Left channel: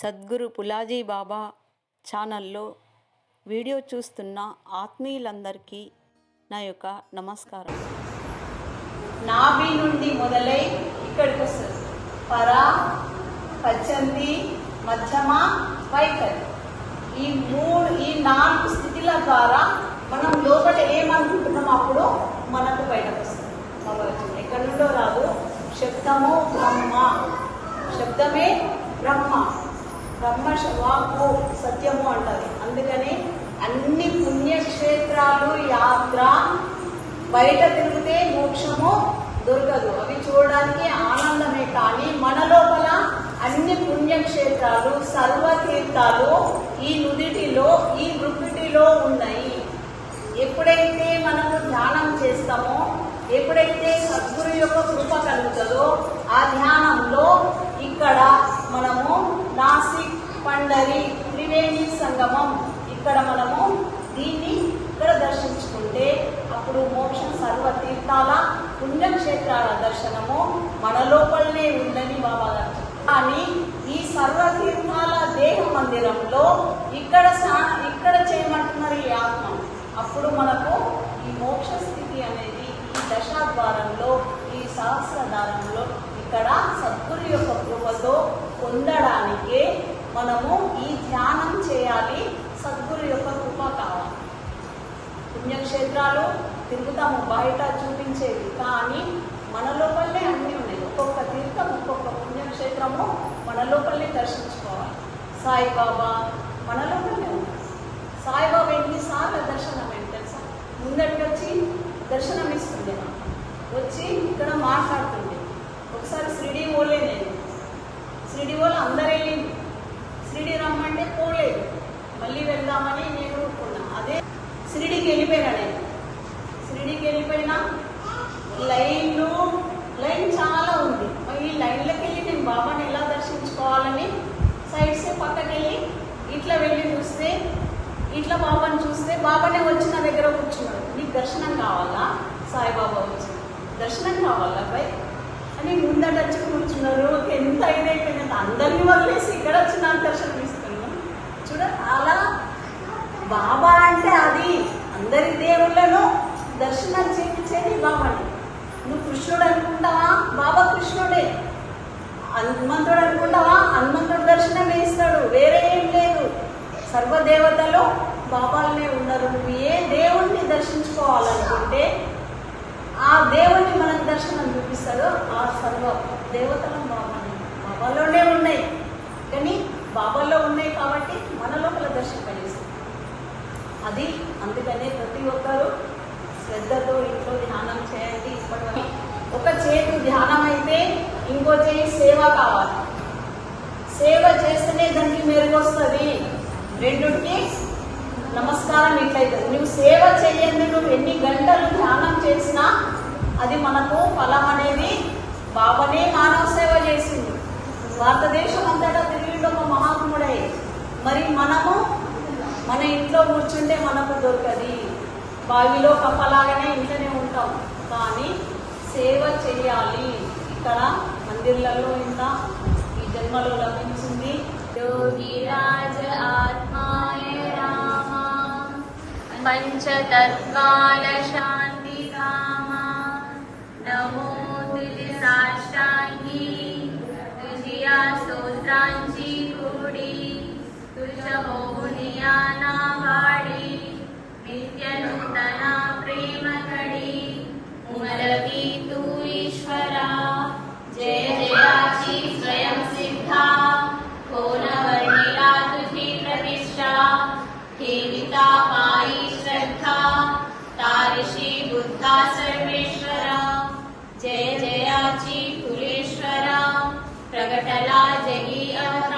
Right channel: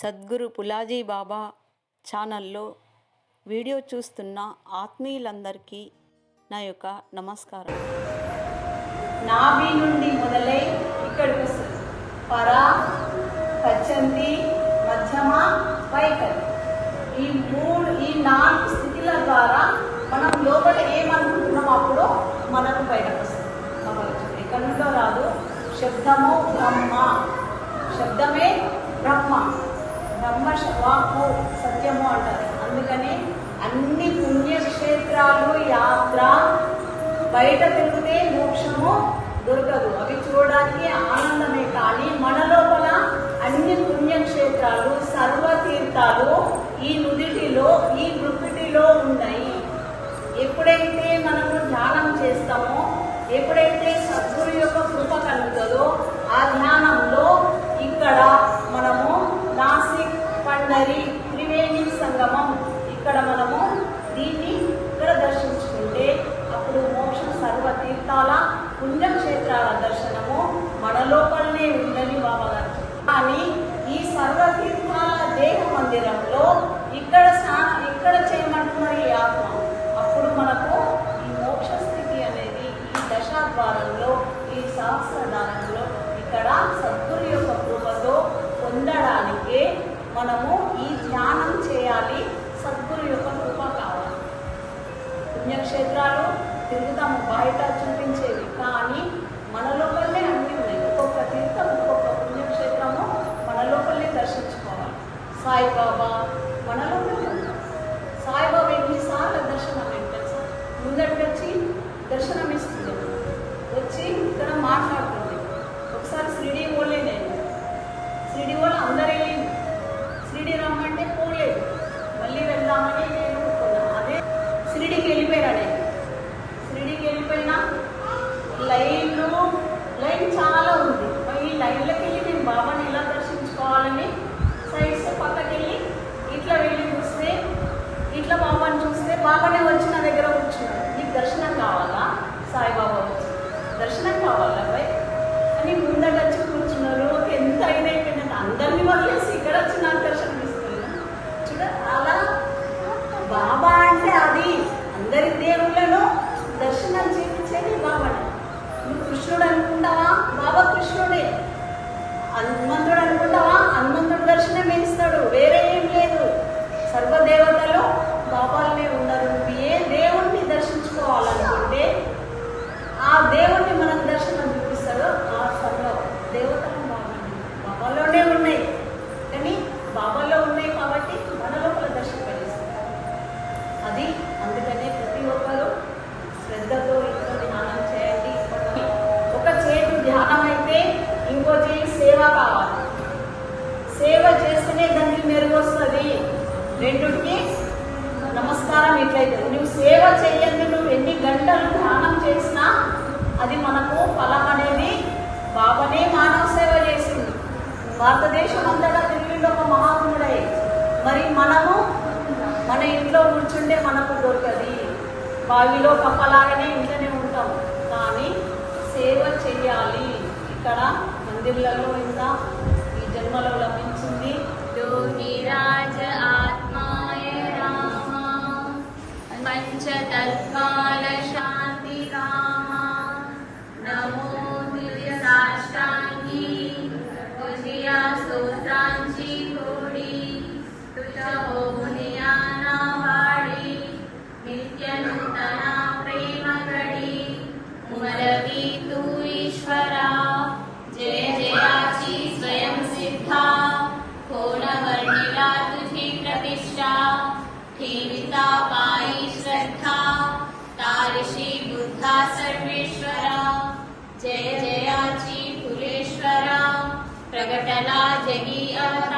సద్గురు పులాజీ బాబా ఛానల్లో వీడియో చూస్తున్న ఆత్మీయులందరికీ నా యొక్క నమస్కారం. నాభి నుండి మొదలై ఇక్కడికి వస్తుంది పర పచ్చంతి మధ్యమ వైఖరి ఈ మూడు ఈ నాలుగు స్థితిల ద్వారా మనం లోపల ఏమనుకుంటున్నాం? వాక్కు సత్యము అంటారు అందుకని అన్ని పుణ్యక్షేత్రాలు యాత్ర బయట తిరిగితే మోక్షము దొరకదు. అవి చూడడానికి ఆనందమే కానీ మన లోపల అన్ని పుణ్యక్షేత్రాలు సర్వతీర్థాలు ఈ నుదిటిలో ఈ మృకుటిలో ఉన్నాయి. ఎప్పుడైతే మనము ధ్యానం చేస్తామో ఎప్పుడైతే సద్గురు యొక్క కృప కలుగుతుందో ఆ ధ్యానంలో ఇక్కడ పండరి త్రివేణి సంగమం. ఇక్కడ మనము దీన్ని ఇక్కడ దర్శించుకుంటే అప్పుడు మోక్షం సర్వ తీర్థాల పుణ్యక్షేత్రాల దర్శనము మన లోపలనే ఉందని బాబాగారు కానీ ఈ సర్వ తీర్థాల దేహ మందిరంలో ఇక్కడ ఇక్కడ చేయమంటున్నారు ఈ ఆత్మ. అప్పుడు మనకు ఈ మోక్ష స్థితి అనేది ఈ దశాద్వారంలో ఈ సహస్రధారంలో ఇక్కడ సద్గురు యొక్క కృపతో పొందడానికే మనము ఈ ధ్యానం చేయాలి. సద్గురు యొక్క కృప కావాలి. పుణ్యక్షేత్రాలు తిరుగుతాము బయట చూపించేవి. కానీ మన లోపలనే అన్నీ ఉన్నాయి. ఒక్కొక్క తీర్థం ఒక్కొక్క పుణ్యక్షేత్రము మన లోపలనే దర్శించుకోవాలి. సాయిబాబా మన లోపలనే ఉన్నాం సాయిబాబా ఎన్నిసార్లు దర్శనం ఏంటి తెలుసా? ముందటి వచ్చి దర్శనం ఇస్తుండే వచ్చి ఇక్కడ మాట్లాడుతుండే. ఒకసారి షిరిడి పోలే నేను. షిరిడి వాళ్ళు అందరు వెళ్ళింది షిరిడి రమ్మంటే పోలేదు మళ్ళీ వెళ్దామని నేను ఊరుకున్నా అదే షిరిడికి వెళ్ళిపోయినా నేను. షిరిడికి వెళ్ళిపోయినా లైన్లు లైన్ చాలా ఉంది. ఈ లైన్లోకి వెళ్ళి నేను బాబాని ఎలా దర్శించుకోవాలని సైడ్స్ పక్కకి వెళ్ళి ఇట్లా వెళ్ళి చూస్తే ఇట్లా బాబాని చూస్తే బాబానే వచ్చి నా దగ్గర కూర్చున్నాడు. నీకు దర్శనం కావాలా? సాయిబాబా వచ్చి. దర్శనం కావాలా బై అని ముందట వచ్చి కూర్చున్నారు ఎంత ఇదైపోయిందంటే అందరినీ వదిలేసి ఇక్కడ వచ్చి నాకు దర్శనం ఇస్తున్నా చూడ అలా బాబా అంటే అది. అందరి దేవుళ్ళను దర్శనం చేయించేది బాబాని. నువ్వు కృష్ణుడు అనుకుంటావా? బాబా కృష్ణుడే. హనుమంతుడు అనుకుంటావా? హనుమంతుడు దర్శనం ఇస్తాడు. వేరే ఏం లేదు. సర్వదేవతలు బాబాలనే ఉన్నారు నువ్వు ఏ దేవుణ్ణి దర్శించుకోవాలనుకుంటే ఆ దేవుణ్ణి మనకు దర్శనం చూపిస్తాడో ఆ సర్వ దేవతలు బాబానే బాబాలోనే ఉన్నాయి. కానీ బాబాలో ఉన్నాయి కాబట్టి మన లోపల దర్శనపడేస్తుంది అది అందుకనే ప్రతి ఒక్కరూ శ్రద్ధతో ఇంట్లో ధ్యానం చేయండి. ఇప్పటికీ ఒక చేతి ధ్యానం అయితే ఇంకో చేయి సేవ కావాలి. సేవ చేస్తేనే దానికి మెరుగు వస్తుంది రెండుకి నమస్కారం ఇట్లయితే నువ్వు సేవ చేయండి నువ్వు ఎన్ని గంటలు ధ్యానం చేసినా అది మనకు ఫలం అనేది బాబనే మానవ సేవ చేసింది. భారతదేశం అంతటా తిరిగిండు ఒక మహాత్ముడే. మరి మనము మన ఇంట్లో కూర్చుంటే మనకు దొరకది. బావిలో కప్పలాగానే ఇంట్లోనే ఉంటాం. కానీ సేవ చెయ్యాలి. ఇక్కడ మందిర్లలో ఇంత ఈ జన్మలో లభించింది. लश प्रगटला जगी अवतार